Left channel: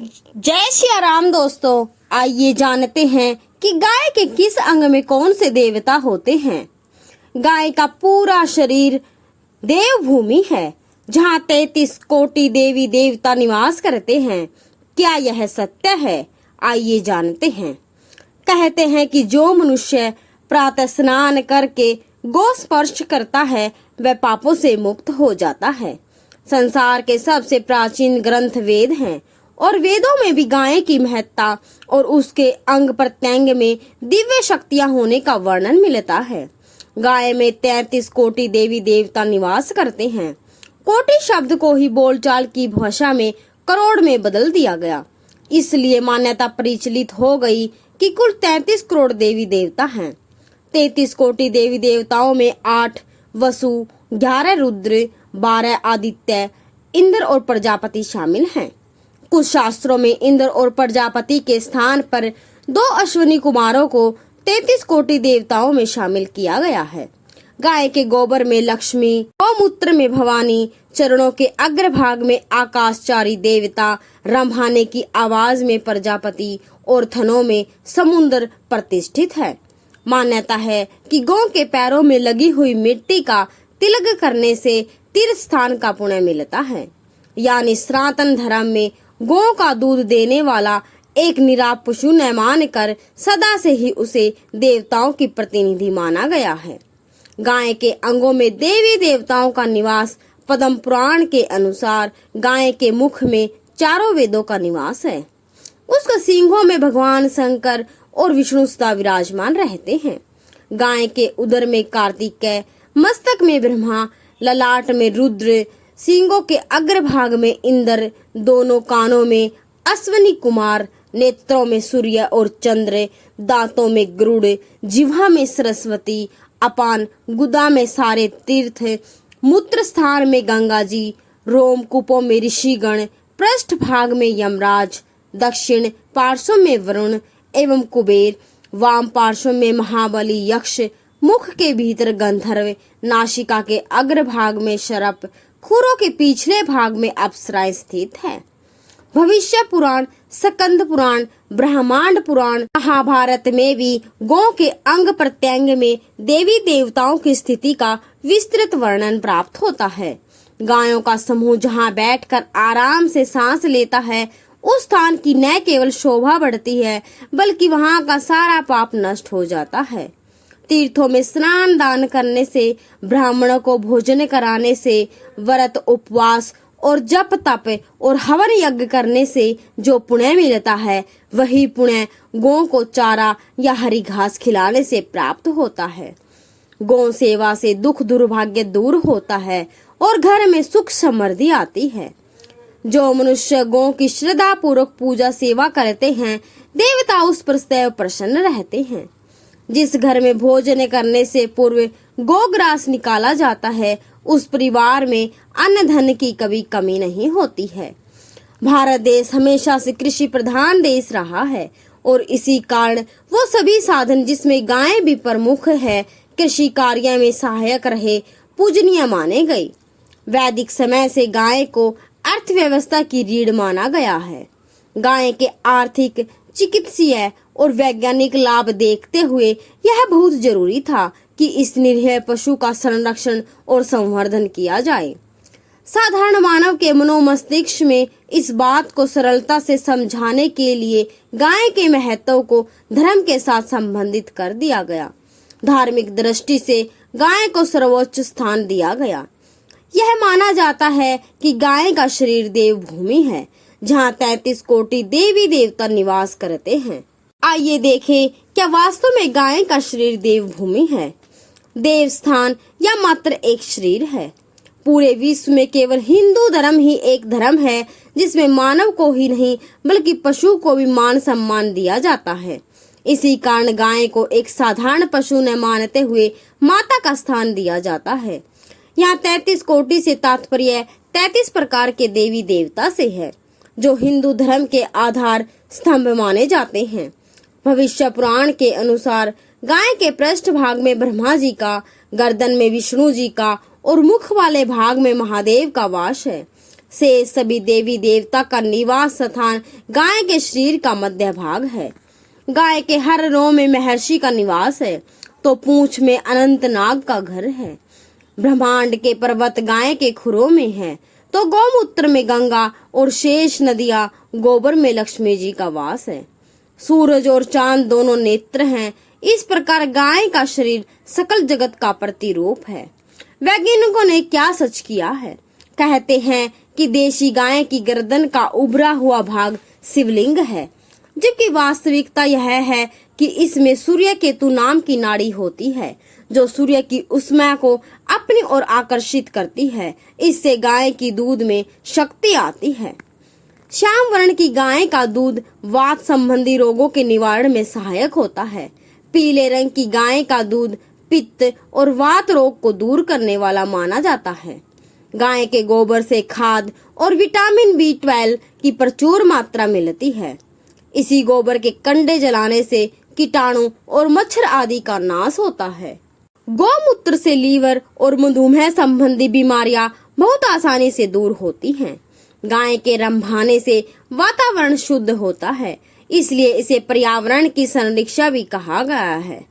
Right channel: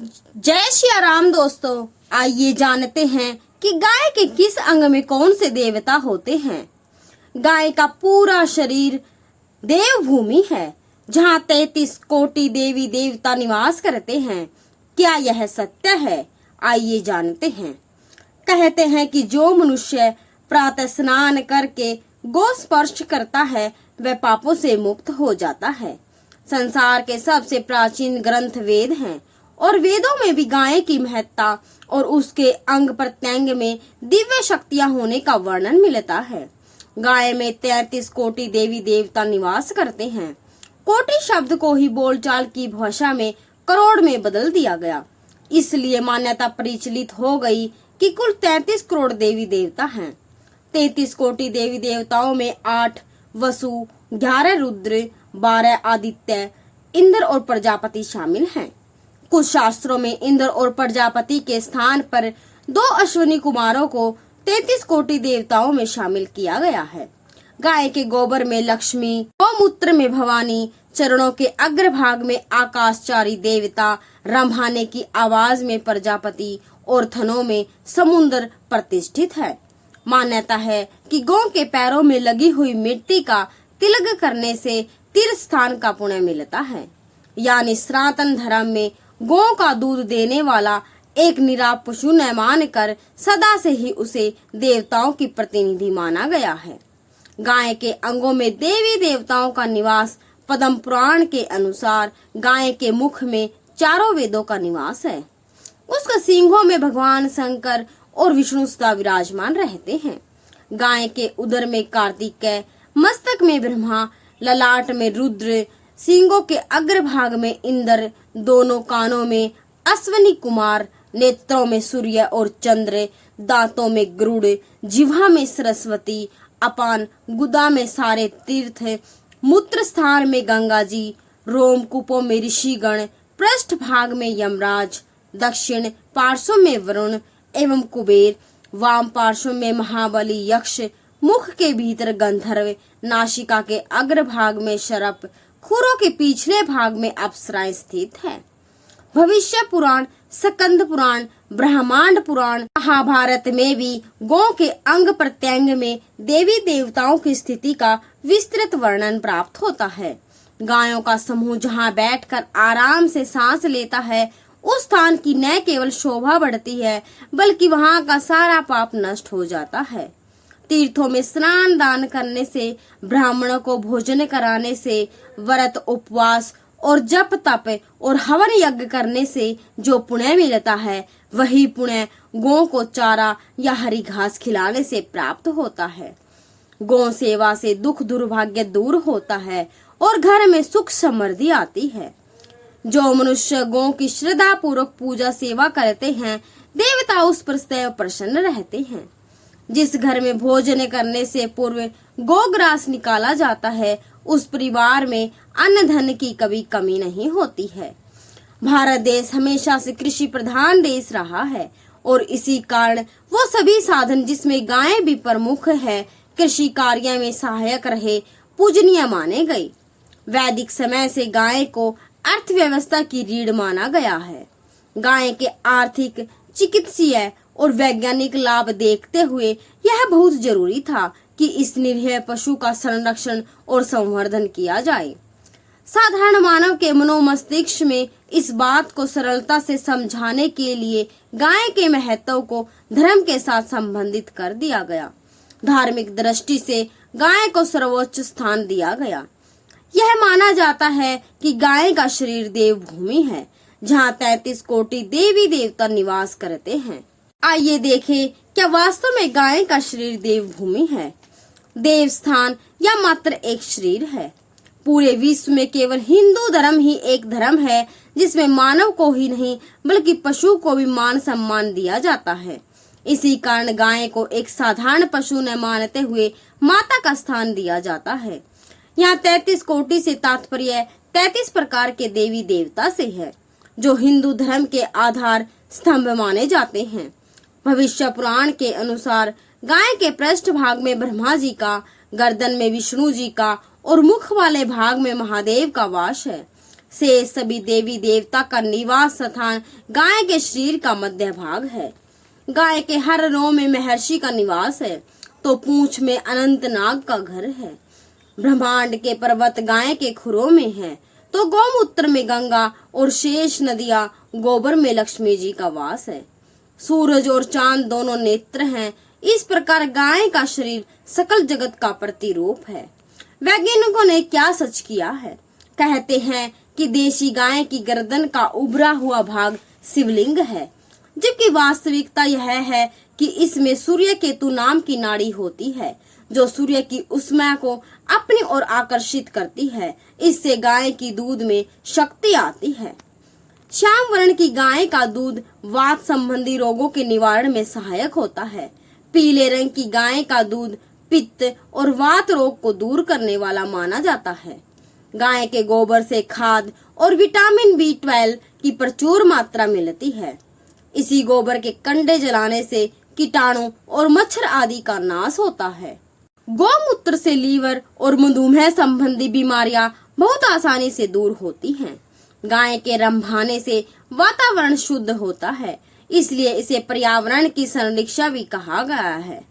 जय श्री राम दोस्तों, आइए जानते हैं कि गाय के किस अंग में कौन से देवता होते हैं। गाय का पूरा शरीर देवभूमि है, जहाँ 33 कोटि देवी देवता निवास करते हैं। क्या यह सत्य है? आइए जानते हैं। कहते हैं कि जो मनुष्य प्रातः स्नान करके गौ स्पर्श करता है वह पापों से मुक्त हो जाता है। संसार के सबसे प्राचीन ग्रंथ वेद हैं और वेदों में भी गाय की महत्ता और उसके अंग प्रत्यंग में दिव्य शक्तियां होने का वर्णन मिलता है। गाय में 33 कोटि देवी देवता निवास करते हैं। कोटि शब्द को ही बोलचाल की भाषा में करोड़ में बदल दिया गया। इसलिए मान्यता प्रचलित हो गई कि कुल 33 करोड़ देवी देवता हैं। 33 कोटि देवी देवताओं में 8 वसु, 11 रुद्र, 12 आदित्य, इंद्र और प्रजापति शामिल हैं। कुछ शास्त्रों में इंद्र और प्रजापति के स्थान पर 2 अश्विनी कुमारों को 33 कोटि देवताओं में शामिल किया गया है। गाय के गोबर में लक्ष्मी, गौमूत्र में भवानी, चरणों के अग्रभाग में आकाशचारी देवता, रंभाने की आवाज में प्रजापति और थनों में समुद्र प्रतिष्ठित है। मान्यता है कि गौ के पैरों में लगी हुई मिट्टी का तिलक करने से तीर्थ स्थान का पुण्य मिलता है। यानी सनातन धर्म में गौ का दूध देने वाला एक निराप पशु न मानकर सदा से ही उसे देवताओं की प्रतिनिधि माना गया है। गाय के अंगों में देवी देवताओं का निवास पद्म पुराण के अनुसार गाय के मुख में 4 वेदों का निवास है। उसके सींगों में भगवान शंकर और विष्णु सदा विराजमान रहते हैं। गाय के उदर में कार्तिकेय, मस्तक में ब्रह्मा, ललाट में रुद्र, सींगों के अग्रभाग में इंद्र, दोनों कानों में अश्विनी कुमार, नेत्रों में सूर्य और चंद्र, दांतों में गरुड़, जिह्वा में सरस्वती, अपान गुदा में सारे तीर्थ, मूत्र स्थान में गंगा जी, रोम कूपों में ऋषिगण, पृष्ठ भाग में यमराज, दक्षिण पार्श्व में वरुण एवं कुबेर, वाम पार्श्व में महाबली यक्ष, मुख के भीतर गंधर्व, नासिका के अग्रभाग में शरप, खुरों के पिछले भाग में अप्सराएं स्थित है। भविष्य पुराण, स्कंद पुराण, ब्रह्मांड पुराण, महाभारत में भी गौ के अंग प्रत्यंग में देवी देवताओं की स्थिति का विस्तृत वर्णन प्राप्त होता है। गायों का समूह जहाँ बैठकर आराम से सांस लेता है, उस स्थान की न केवल शोभा बढ़ती है बल्कि वहाँ का सारा पाप नष्ट हो जाता है। तीर्थों में स्नान दान करने से, ब्राह्मणों को भोजन कराने से, व्रत उपवास और जप तप और हवन यज्ञ करने से जो पुण्य मिलता है, वही पुण्य गौ को चारा या हरी घास खिलाने से प्राप्त होता है। गौ सेवा से दुख दुर्भाग्य दूर होता है और घर में सुख समृद्धि आती है। जो मनुष्य गौ की श्रद्धा पूर्वक पूजा सेवा करते हैं, देवता उस पर सदैव प्रसन्न रहते हैं। जिस घर में भोजन करने से पूर्व गोग्रास निकाला जाता है, उस परिवार में अन्न धन की कभी कमी नहीं होती है। भारत देश हमेशा से कृषि प्रधान देश रहा है और इसी कारण वो सभी साधन जिसमें गाय भी प्रमुख है, कृषि कार्य में सहायक रहे, पूजनीय माने गई। वैदिक समय से गाय को अर्थव्यवस्था की रीढ़ माना गया है। गाय के आर्थिक, चिकित्सीय और वैज्ञानिक लाभ देखते हुए यह बहुत जरूरी था कि इस निरीह पशु का संरक्षण और संवर्धन किया जाए। साधारण मानव के मनोमस्तिष्क में इस बात को सरलता से समझाने के लिए गाय के महत्व को धर्म के साथ संबंधित कर दिया गया। धार्मिक दृष्टि से गाय को सर्वोच्च स्थान दिया गया। यह माना जाता है कि गाय का शरीर देवभूमि है, जहाँ 33 कोटि देवी देवता निवास करते हैं। आइए देखें, क्या वास्तव में गाय का शरीर देवभूमि है, देवस्थान या मात्र एक शरीर है? पूरे विश्व में केवल हिंदू धर्म ही एक धर्म है जिसमें मानव को ही नहीं बल्कि पशु को भी मान सम्मान दिया जाता है। इसी कारण गाय को एक साधारण पशु न मानते हुए माता का स्थान दिया जाता है। यहाँ 33 कोटि से तात्पर्य 33 प्रकार के देवी देवता से है, जो हिंदू धर्म के आधार स्तंभ माने जाते हैं। भविष्य पुराण के अनुसार गाय के पृष्ठ भाग में ब्रह्मा जी का, गर्दन में विष्णु जी का और मुख वाले भाग में महादेव का वास है। से सभी देवी देवता का निवास स्थान गाय के शरीर का मध्य भाग है। गाय के हर रोम में महर्षि का निवास है तो पूंछ में अनंत नाग का घर है। ब्रह्मांड के पर्वत गाय के खुरों में है तो गौमूत्र में गंगा और शेष नदियां गोबर में लक्ष्मी जी का वास है। सूरज और चांद दोनों नेत्र हैं। इस प्रकार गाय का शरीर सकल जगत का प्रतिरूप है। वैज्ञानिकों ने क्या सच किया है? कहते हैं कि देशी गाय की गर्दन का उभरा हुआ भाग शिवलिंग है, जबकि वास्तविकता यह है कि इसमें सूर्य केतु नाम की नाड़ी होती है जो सूर्य की ऊष्मा को अपनी ओर आकर्षित करती है। इससे गाय की दूध में शक्ति आती है। श्याम वर्ण की गाय का दूध वात संबंधी रोगों के निवारण में सहायक होता है। पीले रंग की गाय का दूध पित्त और वात रोग को दूर करने वाला माना जाता है। गाय के गोबर से खाद और विटामिन B12 की प्रचुर मात्रा मिलती है। इसी गोबर के कंडे जलाने से कीटाणु और मच्छर आदि का नाश होता है। गौमूत्र से लीवर और मधुमेह संबंधी बीमारियां बहुत आसानी से दूर होती हैं। गाय के रंभाने से वातावरण शुद्ध होता है, इसलिए इसे पर्यावरण की संरक्षा भी कहा गया है।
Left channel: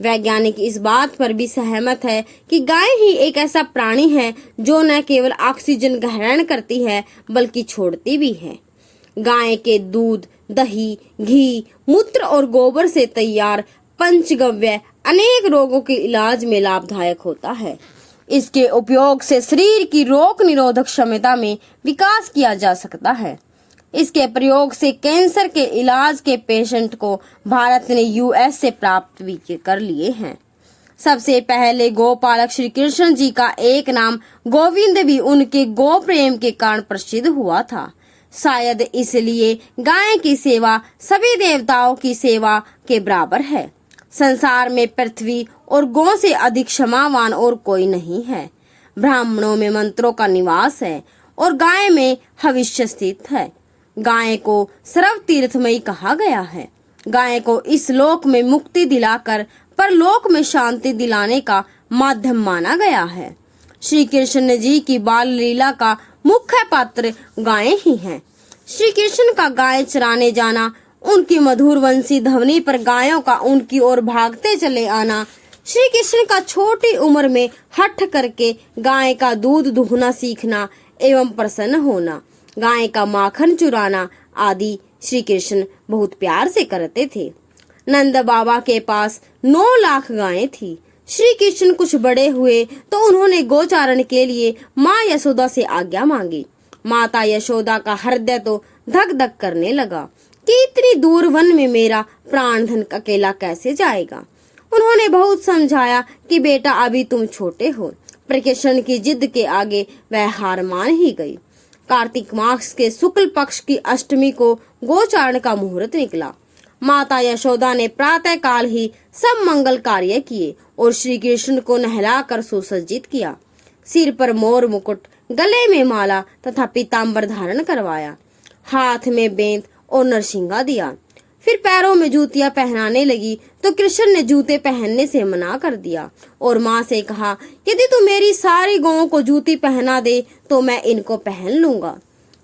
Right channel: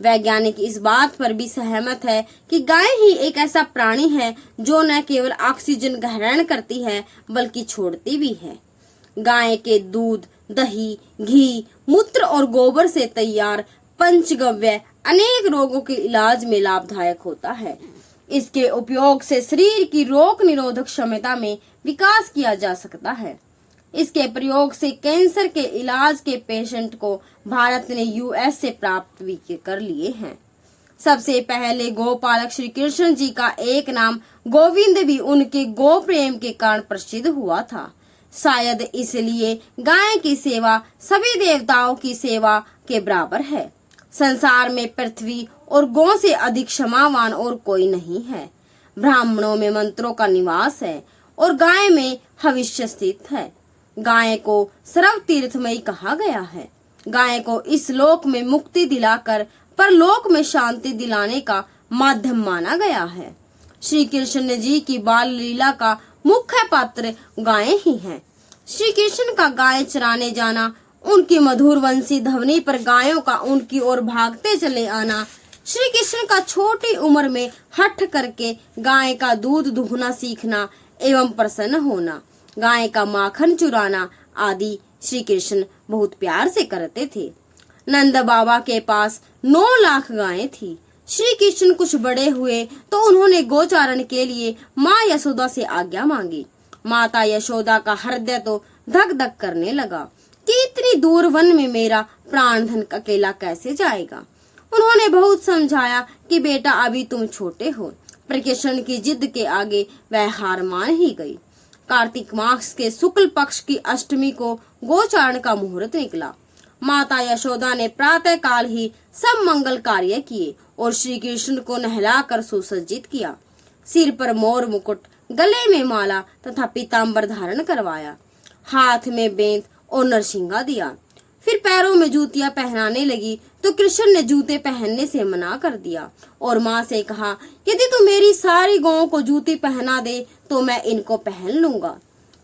वैज्ञानिक इस बात पर भी सहमत है कि गाय ही एक ऐसा प्राणी है जो न केवल ऑक्सीजन ग्रहण करती है बल्कि छोड़ती भी है। गाय के दूध, दही, घी, मूत्र और गोबर से तैयार पंचगव्य अनेक रोगों के इलाज में लाभदायक होता है। इसके उपयोग से शरीर की रोग निरोधक क्षमता में विकास किया जा सकता है। इसके प्रयोग से कैंसर के इलाज के पेशेंट को भारत ने US से प्राप्त भी कर लिए हैं। सबसे पहले गोपालक श्री कृष्ण जी का एक नाम गोविंद भी उनके गो प्रेम के कारण प्रसिद्ध हुआ था। शायद इसलिए गाय की सेवा सभी देवताओं की सेवा के बराबर है। संसार में पृथ्वी और गौ से अधिक क्षमावान और कोई नहीं है। ब्राह्मणों में मंत्रों का निवास है और गाय में हविष्य स्थित है। गाय को सर्व तीर्थमयी कहा गया है। गाय को इस लोक में मुक्ति दिलाकर परलोक में शांति दिलाने का माध्यम माना गया है। श्री कृष्ण जी की बाल लीला का मुख्य पात्र गाय ही हैं। श्री कृष्ण का गाय चराने जाना, उनकी मधुर वंशी ध्वनि पर गायों का उनकी ओर भागते चले आना, श्री कृष्ण का छोटी उम्र में हठ करके गाय का दूध दुहना सीखना एवं प्रसन्न होना, गाय का माखन चुराना आदि श्री कृष्ण बहुत प्यार से करते थे। नंद बाबा के पास 9 लाख गायें थी। श्री कृष्ण कुछ बड़े हुए तो उन्होंने गोचारण के लिए माँ यशोदा से आज्ञा मांगी। माता यशोदा का हृदय तो धक धक करने लगा कि इतनी दूर वन में मेरा प्राण धन अकेला कैसे जाएगा। उन्होंने बहुत समझाया कि बेटा अभी तुम छोटे हो, पर कृष्ण की जिद के आगे वह हार मान ही गई। कार्तिक मास के शुक्ल पक्ष की अष्टमी को गोचारण का मुहूर्त निकला। माता यशोदा ने प्रातः काल ही सब मंगल कार्य किए और श्री कृष्ण को नहलाकर सुसज्जित किया। सिर पर मोर मुकुट, गले में माला तथा पीताम्बर धारण करवाया, हाथ में बेंत और नरसिंगा दिया। फिर पैरों में जूतियां पहनाने लगी तो कृष्ण ने जूते पहनने से मना कर दिया और माँ से कहा, यदि तू मेरी सारी गौओं को जूती पहना दे तो मैं इनको पहन लूंगा।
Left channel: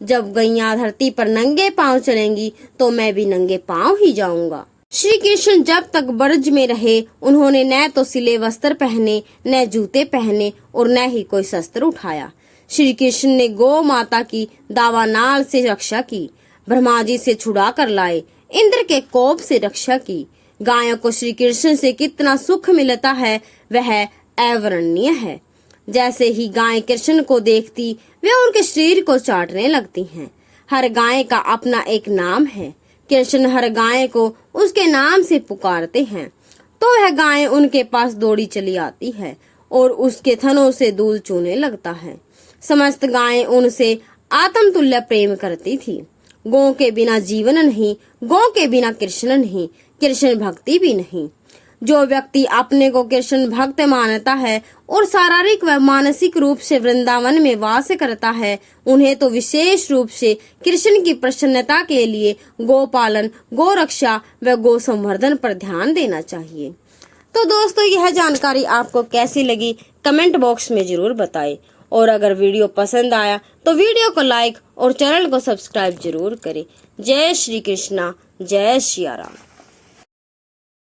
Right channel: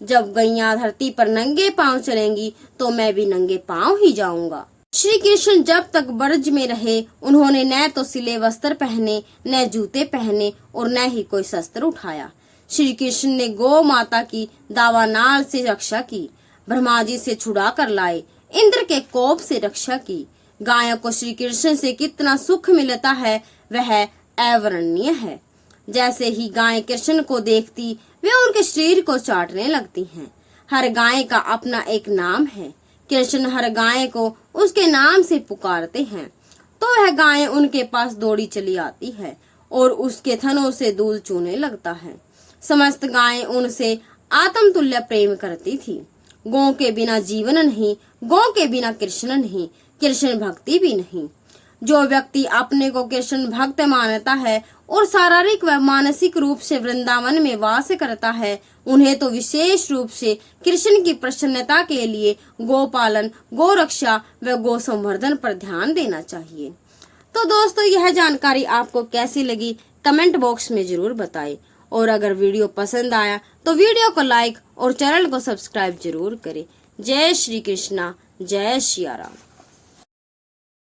जब गैया धरती पर नंगे पांव चलेंगी तो मैं भी नंगे पांव ही जाऊंगा। श्री कृष्ण जब तक ब्रज में रहे उन्होंने न तो सिले वस्त्र पहने, न जूते पहने और न ही कोई शस्त्र उठाया। श्री कृष्ण ने गौ माता की दावानाल से रक्षा की, ब्रह्मा जी से छुड़ा कर लाए, इंद्र के कोप से रक्षा की। गायों को श्री कृष्ण से कितना सुख मिलता है वह अवर्णनीय है। जैसे ही गाय कृष्ण को देखती वे उनके शरीर को चाटने लगती हैं। हर गाय का अपना एक नाम है। कृष्ण हर गाय को उसके नाम से पुकारते हैं तो वह गाय उनके पास दौड़ी चली आती है और उसके थनों से दूध चूने लगता है। समस्त गायें उनसे आत्म तुल्य प्रेम करती थी। गौ के बिना जीवन नहीं, गौ के बिना कृष्ण नहीं, कृष्ण भक्ति भी नहीं। जो व्यक्ति अपने को कृष्ण भक्त मानता है और शारीरिक व मानसिक रूप से वृंदावन में वास करता है, उन्हें तो विशेष रूप से कृष्ण की प्रसन्नता के लिए गोपालन, गो रक्षा व गो संवर्धन पर ध्यान देना चाहिए। तो दोस्तों, यह जानकारी आपको कैसी लगी कमेंट बॉक्स में जरूर बताएं और अगर वीडियो पसंद आया तो वीडियो को लाइक और चैनल को सब्सक्राइब जरूर करें। जय श्री कृष्णा, जय श्री राम।